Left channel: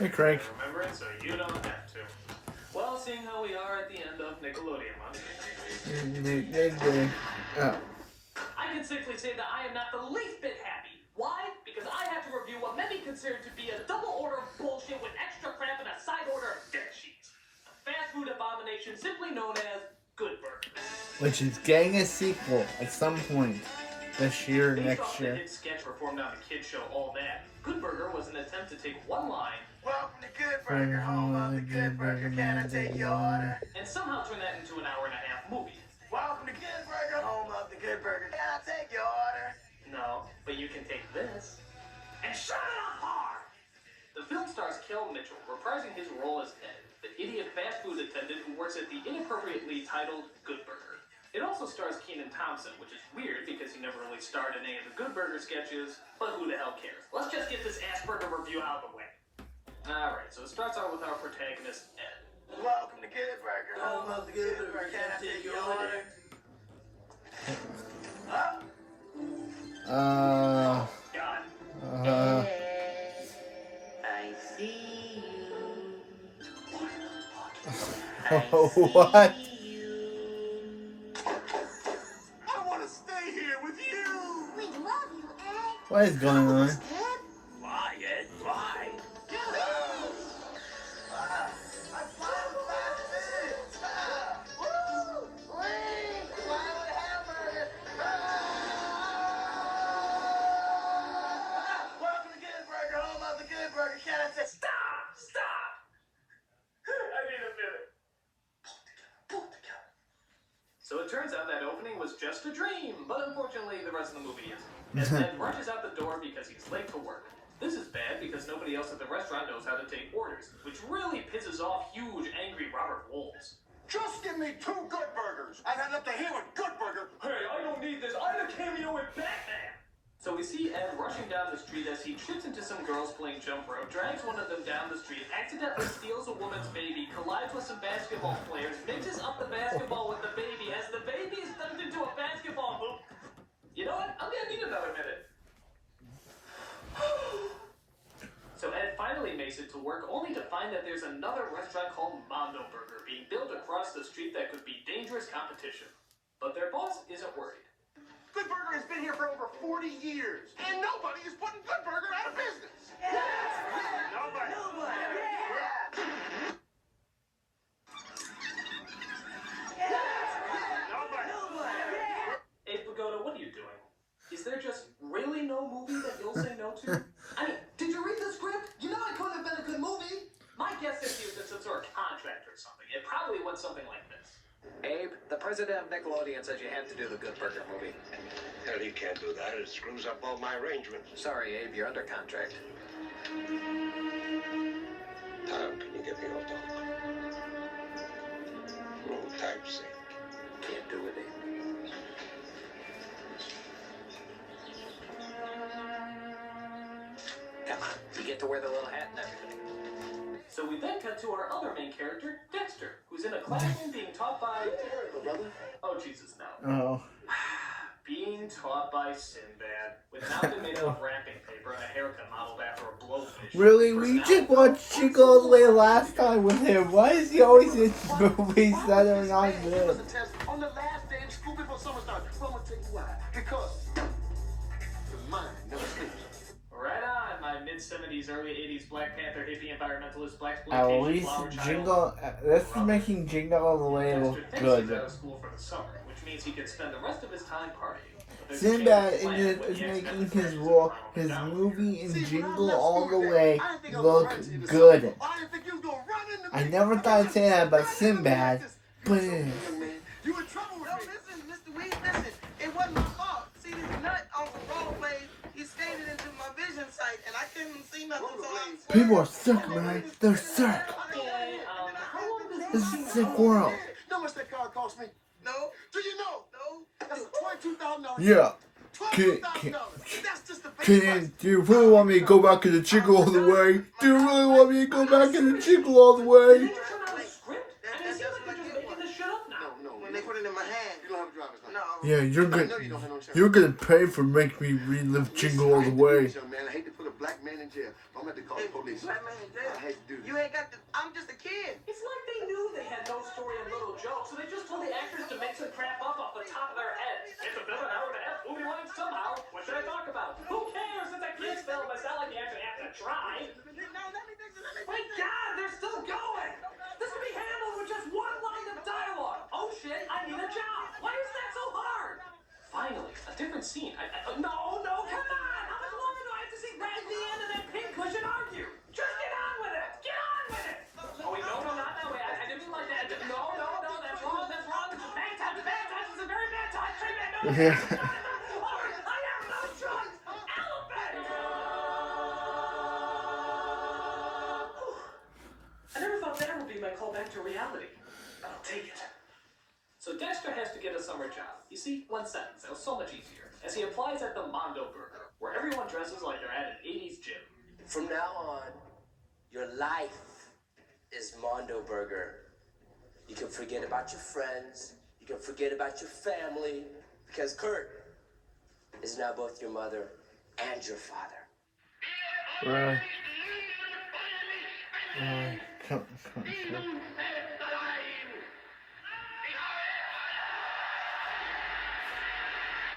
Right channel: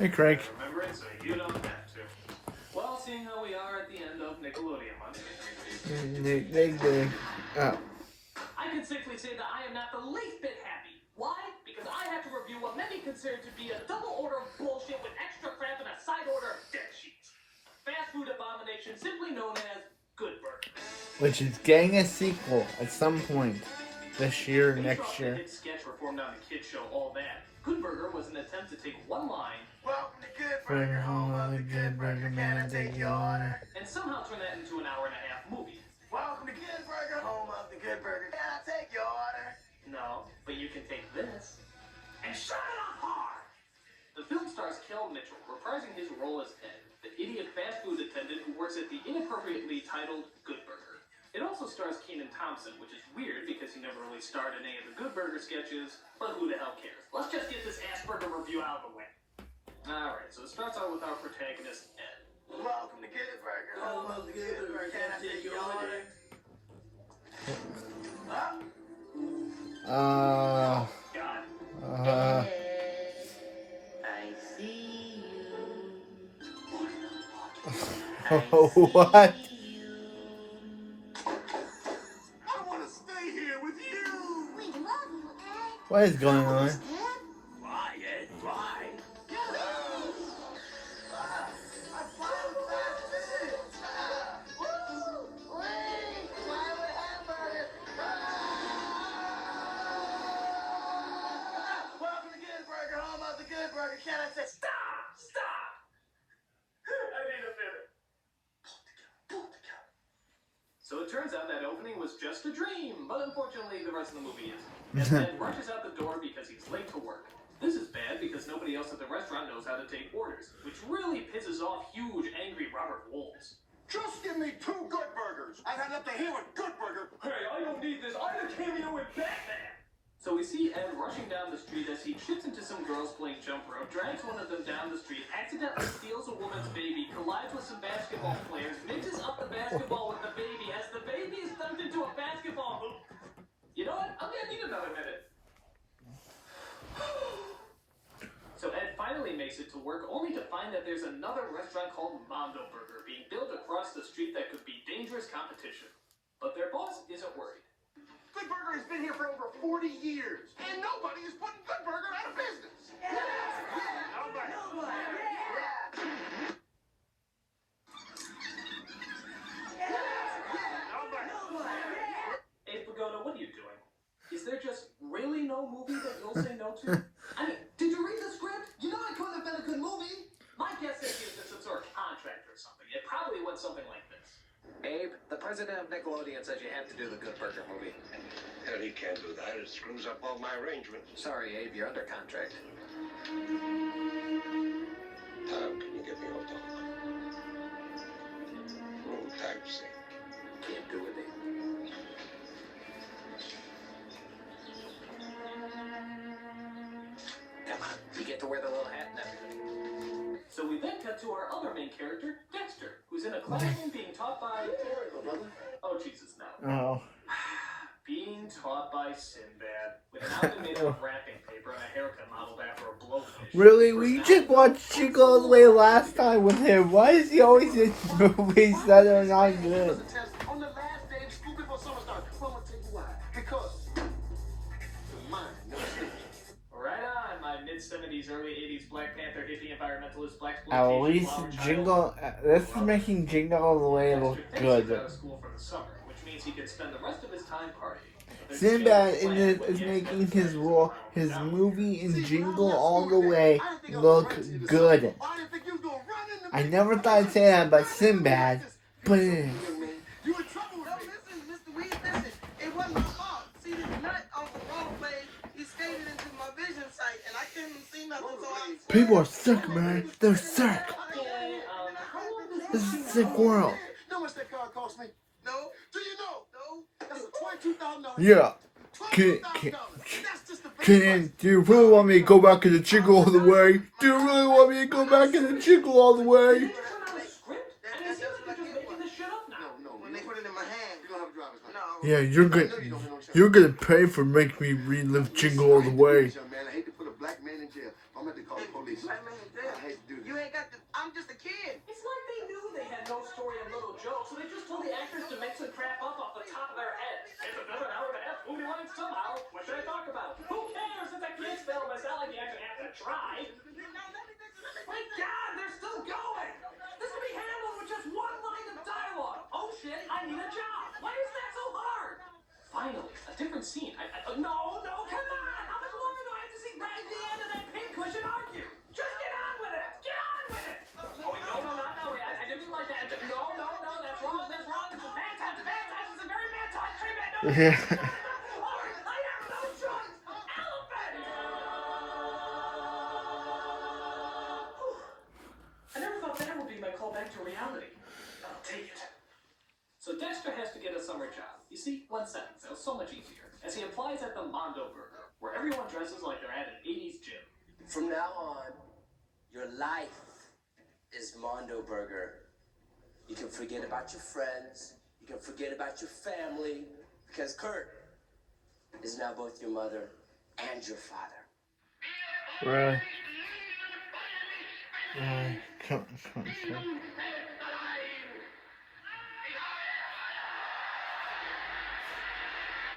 Hey, Craig. Remember it so you don't have to. Well, seeing how we are at the end of Nickelodeon month, I can safely say that I am not the least bit happy. Why? Because I have to review what many consider to be a double order of bullshit with extra crap and a side order of dirt sheets. A fast food abomination simply known as Good Burger. Which is getting a sequel at some point this year, Based next off the year. hit sketch performed on the kids show All That, Good Burger was an attempt to take one line, welcome to Good Burger, home of the Good Burger, can I take your order? and somehow turn that into an hour-and-a-half movie. Welcome to Good Burger, home of the Good Burger, can I take your order? No, but you can take this and shut it up hard! The film stars Kel Mitchell, reprising his role as Ed, the idiot fast food attendant who works at the inappropriately titled Good Burger. It also stars Kenan Thompson, which is weird because he never really starred in any of the Good Burger sketches, but who the hell cares? Let's just get this ass burger review out of the way. Alright, so it starts out with our protagonist, Ed. Welcome to Good Burger, home of the Good Burger, can I take your order? Huh? Oh, God. I see you. What? I want to stay here with you. We love you, Ed. What is going on? Fly, Ed, fly. I found the last minute. Woo! Wait, fly with hamburger. Welcome to Good Burger, home of the Good Burger. Can I say Stop! Stop! I need a minute. Pull together. So it turns out that opening was just a dream, but unfortunately the rest of the movie isn't. As Ed rushes out the door because he's late to work. This is bad because nobody else at the restaurant knows how to take orders, which really pisses off huge, angry Robert Wolves. Just give me 2 Good Burgers. I've had enough to hear with Good Burger. Hey, I don't need this. I had a cameo with Batman! So we see Ed rushing down the street as he trips into some girls playing jump rope, drags one of them down the street, accidentally steals a woman's baby, collides with some basketball players, mixes up the basketball with the baby as the baby is dumped into a basketball hoop. You know what? I'm gonna need another minute. So Ed finally makes it to work, only to find that there's another restaurant called Mondo Burger being built across the street that could be dangerous competition. But their boss isn't worried. Good Burger has been here for over 40 years, and nobody is putting Good Burger out of business. Nobody. Hey, Pagoda, what are you doing? Is there just really no movie that you'll say no to? I mean, did you read the script? You know it couldn't have been a good movie. My guess is he was in some sort of contract or something. It probably went something like this. Abe, the president of Nickelodeon says you have to do the Good Burger movie. Hell, he can't do that. It screws up all my arrangements. Sorry, Abe, you're under contract. Tom, can you get the old dog? Oh, time's sake. Can't do it, Abe. Come on, you get to wear the little hat and everything. So we then cut to our other main character, Dexter, who's in a classroom being taught by... Oh, Jesus, no. Oh. Being taught by Sinbad, with an outfit made out of wrapping paper and a haircut modeled after a blowfish. Really? We just watched Jingle All the Way last time with him. Why is he always in movies that are not It was good? a test on the last day of school before summer starts. Well, I'm going to tell you why. Because the mind never sleeps. Right on, my mid-70s, early 80s Black Panther hippie environmentalist black At exploitation least flower child. Jingle. This is making Jingle All the Way look Dexter thinks he's good. out of school for the summer, which means he can spend the rest of his time partying. But there's a Sinbad chance plan when is he making accidentally his presses role, the his final movie in See, when I Jingle left All school the today, Way I didn't think I was look gonna run into good. something. I didn't think you was gonna run into I me. never thought I'd say that, but Sinbad. But You in trouble with No, me. listen, Mr. Weed, listen. It wasn't my fault. See, this nut on the rollerblade, he skated into my vision sight, and I couldn't see nothing, so I... people are sick, man. They're sick. Okay, how long does This this is a sick world. You know how much that car cost me? No, Do you know? no. That's a $22,000. Yeah. $22,000. And that's just the base price. Do you really want me to go back in the Jingle All the Way? Do you really want me to go back in the Jingle All the Did Way? they just run out of script? I mean, it seems like they're just making this shit up now. No, When they put it in my hand. You don't have a driver's license. No. Yeah, I know you don't have no insurance. you're gonna pay for making me relive Jingle All the Way. Man, I hate to put a black man in in jail. I'm going to call the police. Black man in jail. I hate to do this. You ain't got the. I'm just a kid. It's like they knew they had no story and little jokes, so they just told the actors to make some crap up off the top of their heads. It's a film an hour and a half movie length somehow. What should I talk about? Who cares? It's a kid's film. It's not like you actually have to try. My God, they're still going. This can be handled with just one line of dialogue. Oh shit, I need a job. Why is that so hard? Finally, a different scene. No, come on. How much longer do I have to see Brad Dean and that pink cushion argue? Just get on with it. Get on with it. Oh wait, no, not that way. I didn't mean like that. No, that's wrong. It's a bad touch. It's a very bad touch. No, I have no choice. Elephant. I never thought that would be my call back to reality. I'll take it. So Dexter has to get a summer job. You see, one sentence. That was so much easier. As he applies at the Mondo Burger, where everyone dresses like they're at an 80s gym. From now on, your life is Mondo Burger. You can forget about your friends. You can forget about your family. Because Kurt is now both your mother and your father.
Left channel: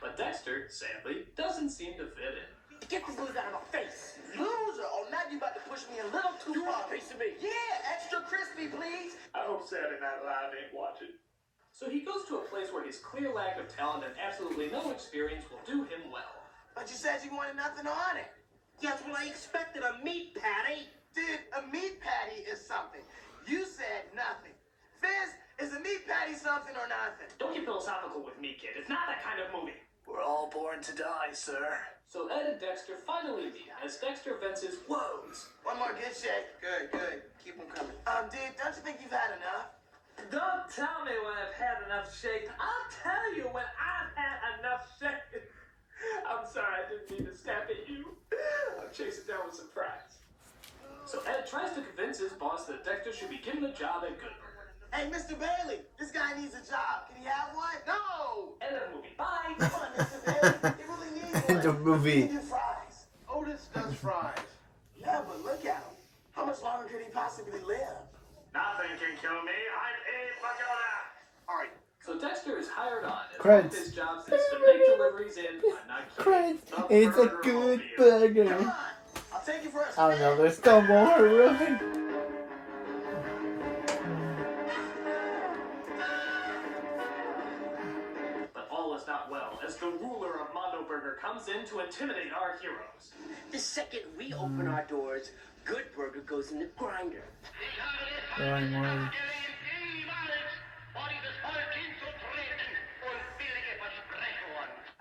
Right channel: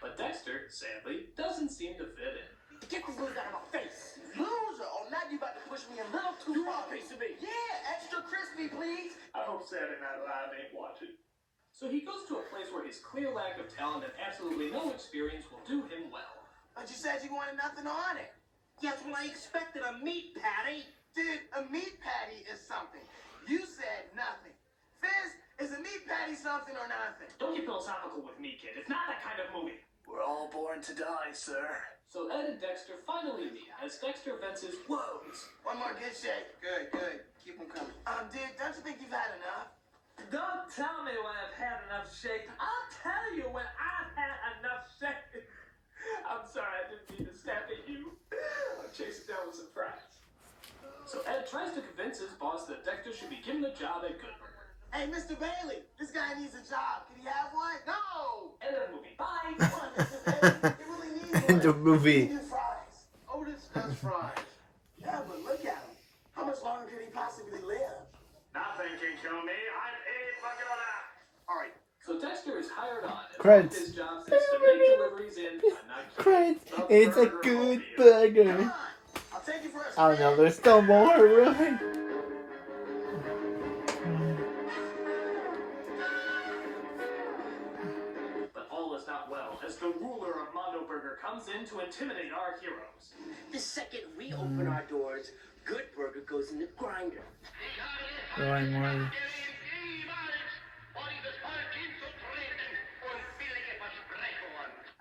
But Dexter, sadly, doesn't seem to fit in. Get the booze out of my face. Loser! Oh, now you about to push me a little too You far. want a piece of me? Yeah, extra crispy, please. I hope Saturday Night Live ain't watching. So he goes to a place where his clear lack of talent and absolutely no experience will do him well. But you said you wanted nothing on it. Yes, well, I expected a meat patty. Dude, a meat patty is something. You said nothing. Fizz, is a meat patty something or nothing? Don't get philosophical with me, kid. It's not that kind of movie. We're all born to die, sir. So Ed and Dexter finally meet as Dexter vents his woes. One more good shake. Good. Keep them coming. Dude, don't you think you've had enough? Don't tell me when I've had enough shake. I'll tell you when I've had enough shake. I'm sorry, I didn't mean to snap at you. I'm chasing down with some fries. So Ed tries to convince his boss that Dexter should be given a job at Good Burger. Hey, Mr. Bailey, this guy needs a job. Can he have one? No! End of the movie. Bye. Come on, Mr. Bailey. He really needs one. The movie. He can do fries. Otis does fries. Yeah, but look at him. How much longer could he possibly live? Nothing can kill me. I'm Abe Pagoda. All right. So Dexter is hired on, and one of Credits. his jobs is to make deliveries in. I'm not kidding. Credits. the It's a Burger good Mobile. Come burger. on. I'll take you for a I don't know, spin. there's still more, really? But all is not well, as the ruler of Mondo Burger comes in to intimidate our heroes. The second we open our doors, Good Burger goes in the grinder.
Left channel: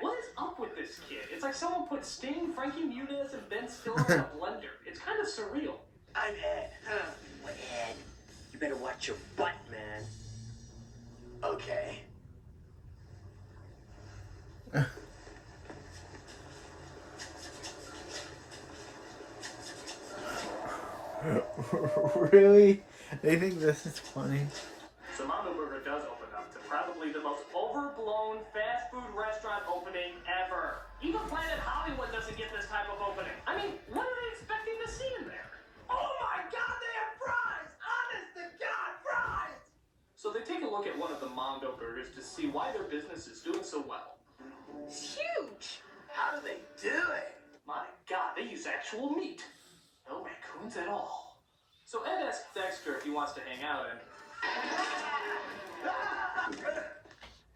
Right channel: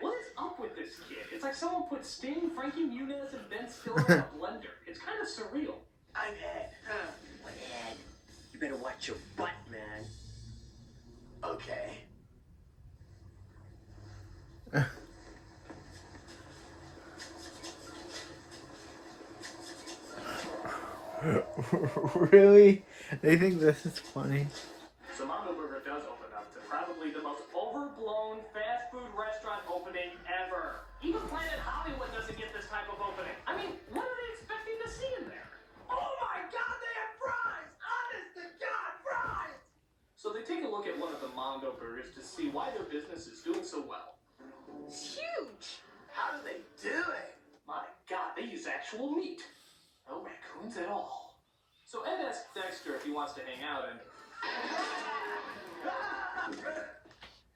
What is up with this kid? It's like someone put Sting, Frankie Muniz, and Ben Stiller in a blender. It's kind of surreal. I'm Ed. Huh. Well, Ed, you better watch your butt, man. Okay. Really? They think this is funny? So Mondo Burger does open up to probably the most overblown fast food restaurant opening ever. Even Planet Hollywood doesn't get this type of opening. I mean, what are they expecting to see in there? Oh my God, they have fries! Honest to God, fries! So they take a look at one of the Mondo Burgers to see why their business is doing so well. Huge! How do they do it? My God, they use actual meat. No raccoons at all. So Ed asks Dexter if he wants to hang out, and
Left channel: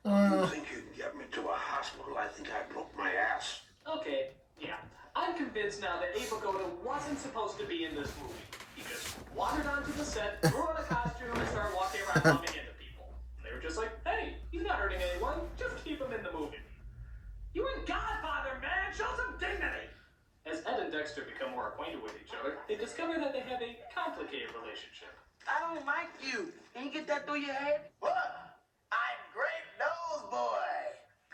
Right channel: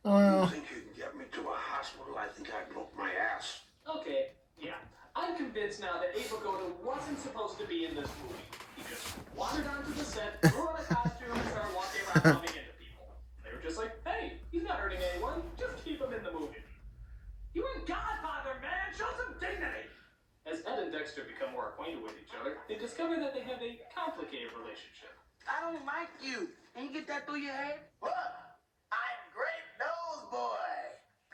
You think you can get me to a hospital? I think I broke my ass. okay, yeah. I'm convinced now that Abe Pagoda wasn't supposed to be in this movie. He just wandered onto the set, threw on a costume, and started walking around bumping into people. They were just like, hey, he's not hurting anyone, just keep him in the movie. You ain't Godfather, man! Show some dignity! As Ed and Dexter become more acquainted with each other, they discover that they have a complicated relationship. I don't like you. Can you get that through your head? What? I'm Great Nose Boy.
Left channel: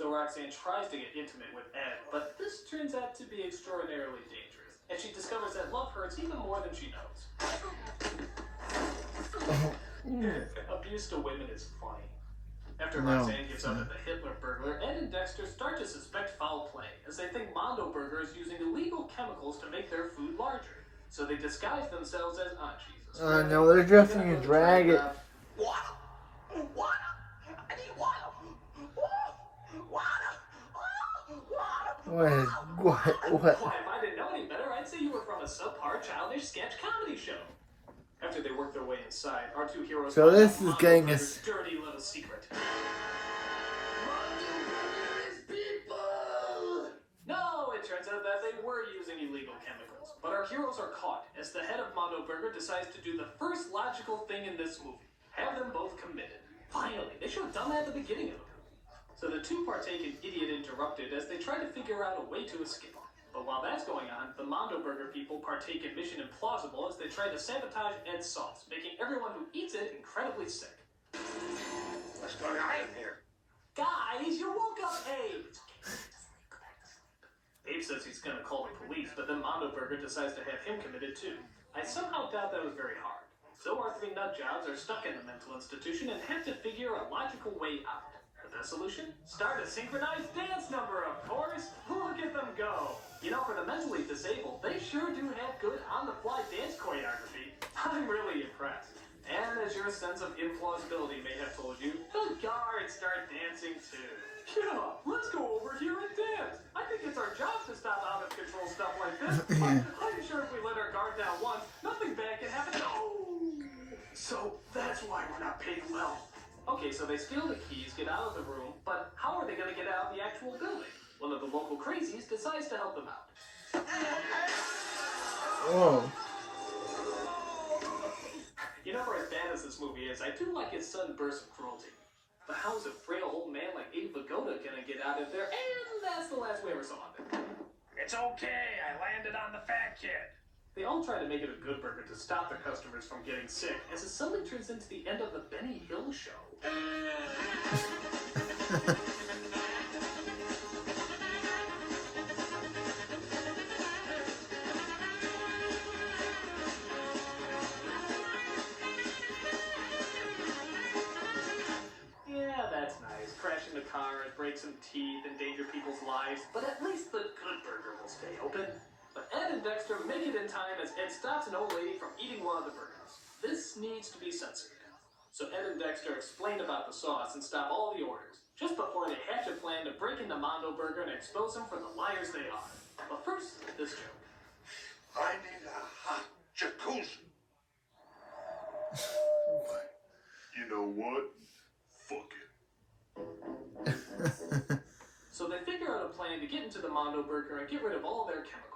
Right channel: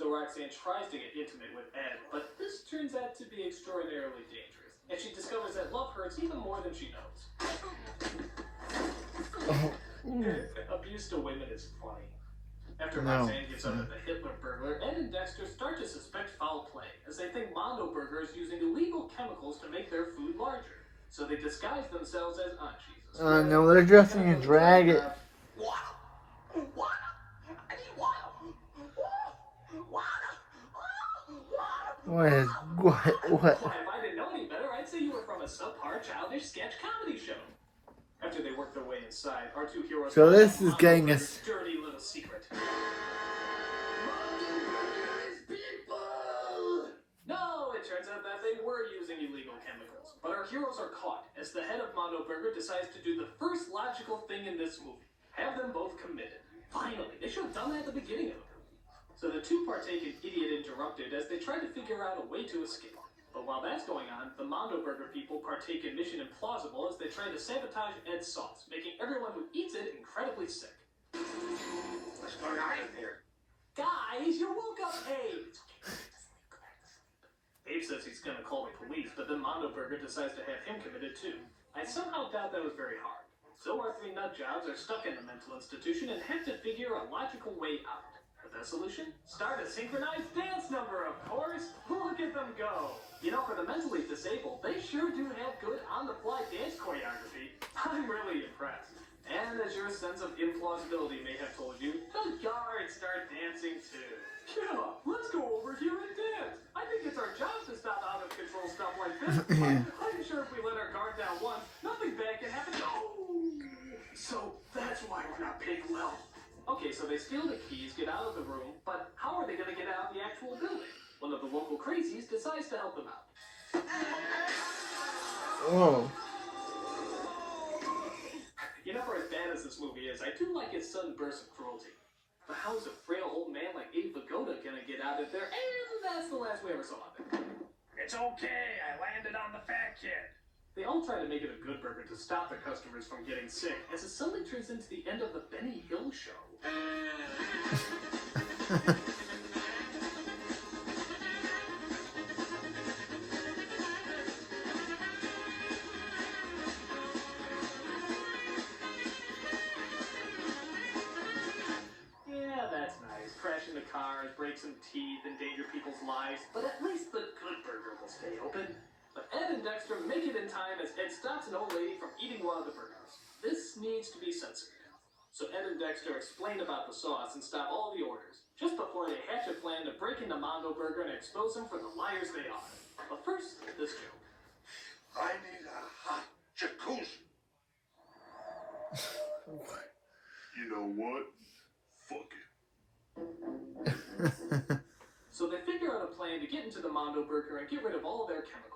So Roxanne tries to get intimate with Ed, but this turns out to be extraordinarily dangerous, and she discovers that love hurts even more than she knows. Abuse to women is funny. After Roxanne gives up at the Hitler burglar, Ed and Dexter start to suspect foul play, as they think Mondo Burger is using illegal chemicals to make their food larger. So they disguise themselves as Jesus. I know, they're just gonna drag it. Water! Water! I need water! Water! What? Why, if I didn't know any better, I'd say you were from a subpar, childish sketch comedy show. After they work their way inside, our two heroes So find this out is Mondo getting Burger's us. dirty little secret. No, it turns out that they were using illegal chemicals. But our heroes are caught as the head of Mondo Burger decides to do the first logical thing in this movie. Have them both committed. Finally, they should have done that at the beginning of the movie. So the two partake in Idiot Interrupted as they try to figure out a way to escape. But while that's going on, the Mondo Burger people partake in Mission Implausible as they try to sabotage Ed's sauce, making everyone who eats it incredibly sick. What's going on in here? Guys, you woke up Abe! Abe says he's gonna call the police, but then Mondo Burger decides to have him committed too. I somehow doubt that was very hard. So our three nut jobs are stuck in the mental institution and have to figure a logical way out. For that solution, start a synchronized dance number, of course! Look at them go! You know, for the mentally disabled, they sure do have good on-the-fly dance choreography. I'm really impressed. And as your sense of implausibility may have told you, the guards start dancing too. Yeah, let's go over here and dance. I think it's our job to stop out-of-control stuff like this. But I'm sure if we let our guard down once, nothing bad can happen. Oh! So that's why we're not paid well. Okay, so they steal the keys, get out of the room, but how are they going to get out of the actual building? One of the local crazies decides to help them out. Oh. You know, for as bad as this movie is, I do like its sudden bursts of cruelty. But how is a frail old man like Abe Vigoda gonna get out of there? And that's the last we ever saw of him. It's okay, I landed on the fat kid. They all try to make it a good burger to stop the customers from getting sick, as it suddenly turns into the end of the Benny Hill show. Yeah, that's nice. Crash into cars, break some teeth, endanger people's lives, but at least the good burger will stay open. But Ed and Dexter make it in time as Ed stops an old lady from eating one of the burgers. This needs to be censored. So Ed and Dexter explain about the sauce and stop all the orders, just before they hatch a plan to break into Mondo Burger and expose them for the liars they are. But first, this joke. I need a hot jacuzzi. You know what? Fuck it. So they figure out a plan to get into the Mondo Burger and get rid of all their chemicals.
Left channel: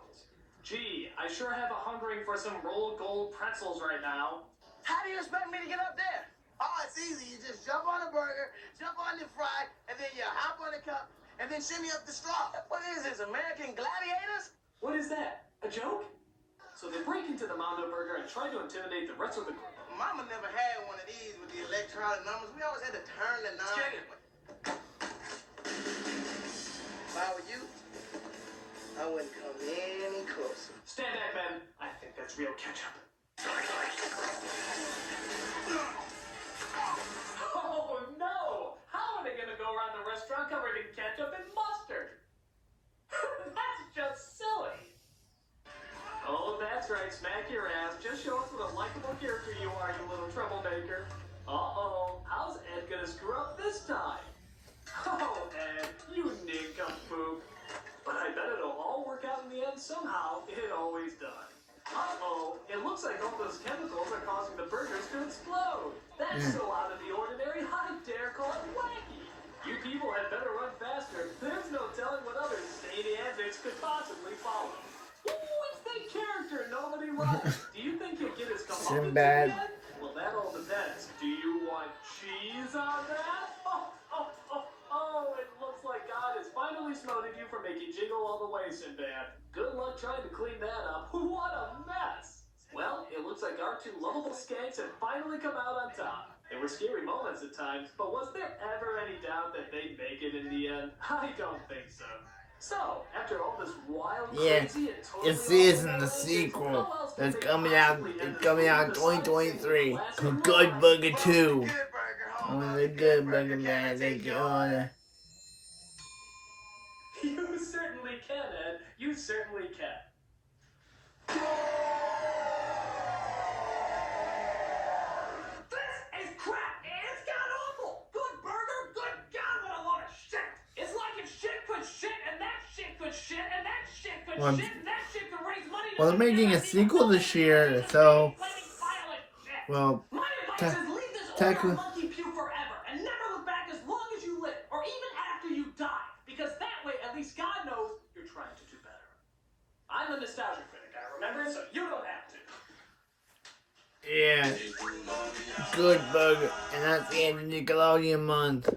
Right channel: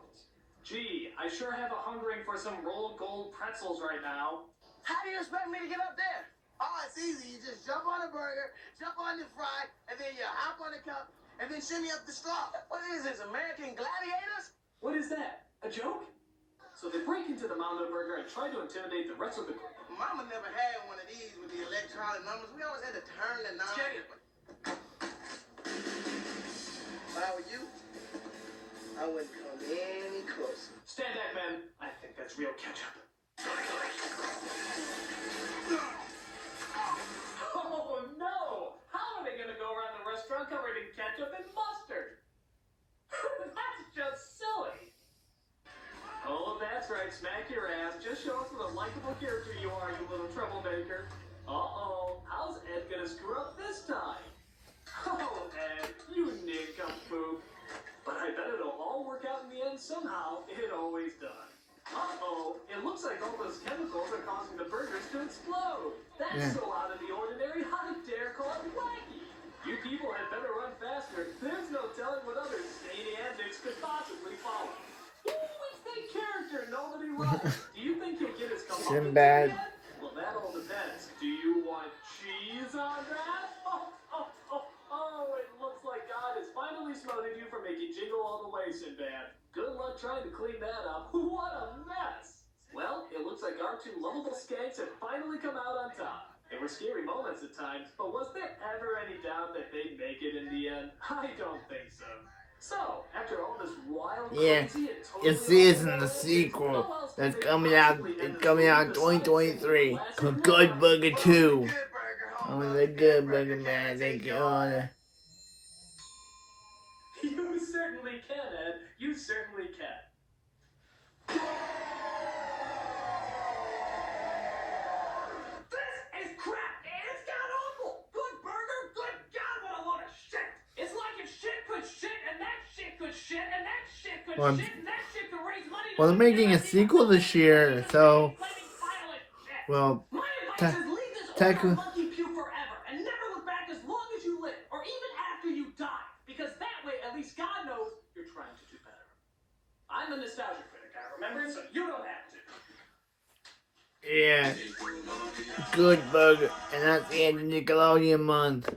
Gee, I sure have a hungering for some rolled gold pretzels right now. How do you expect me to get up there? Oh, it's easy. You just jump on a burger, jump on the fry, and then you hop on the cup, and then shimmy up the straw. What is this, American Gladiators? What is that? A joke? So they break into the Mondo Burger and try to intimidate the rest of the group. Mama never had one of these with the electronic numbers. We always had to turn the knob. If I were you, I wouldn't come any closer. Stand back, men. I think that's real ketchup. Oh no! How are they gonna go around the restaurant covered in ketchup and mustard? That's just silly. Oh, that's right. Smack your ass. Just show us what a likable character you are, you little troublemaker. Uh-oh. How's Ed gonna screw up this time? Oh, Ed, you nincompoop. But I bet it'll all work out in the end somehow. It always does. Uh-oh. It looks like all those chemicals are causing the burgers to explode. That's so out of the ordinary, I dare call it wacky. You people had better run faster. There's no telling what other zany antics could possibly follow. Ooh, it's the character nobody likes. Do you think he'll get his comeuppance Sinbad. again? Well, that all depends. Do you want cheese on that? Oh, it looks like God has finally smoted you for making Jingle All the Way, Sinbad. Good luck trying to clean that up. What a mess. Well, it looks like our two lovable skanks have finally come out on top. There were scary moments at times, but was there ever any doubt that they'd make it in the end? I don't think so. So, after all this wild, Yeah, crazy, and totally it is in awful the action, sequel how else could that's they coming out. possibly end It's this coming movie out in besides taking 2023. the classic The role Good line? Burger Well, 2. the good burger, hold Oh, on, the the Good Burger, can man. I Thank take you. yours? You certainly can, Ed. You certainly can. This is crap! It's god awful! Good burger? Good God, what a load of shit! It's like if shit could shit, and that shit could shit, and that shit could Well, shit, and that shit could raise money to well, they're making a sequel this year, so, well, my advice is leave this order technically, monkey pew forever and never look back as long as you live, or even after you die, because that way at least God knows you're trying to do better. I'm a nostalgia critic, I remember, so you don't have to. yeah, Good Burger, and that's the end of Nickelodeon month.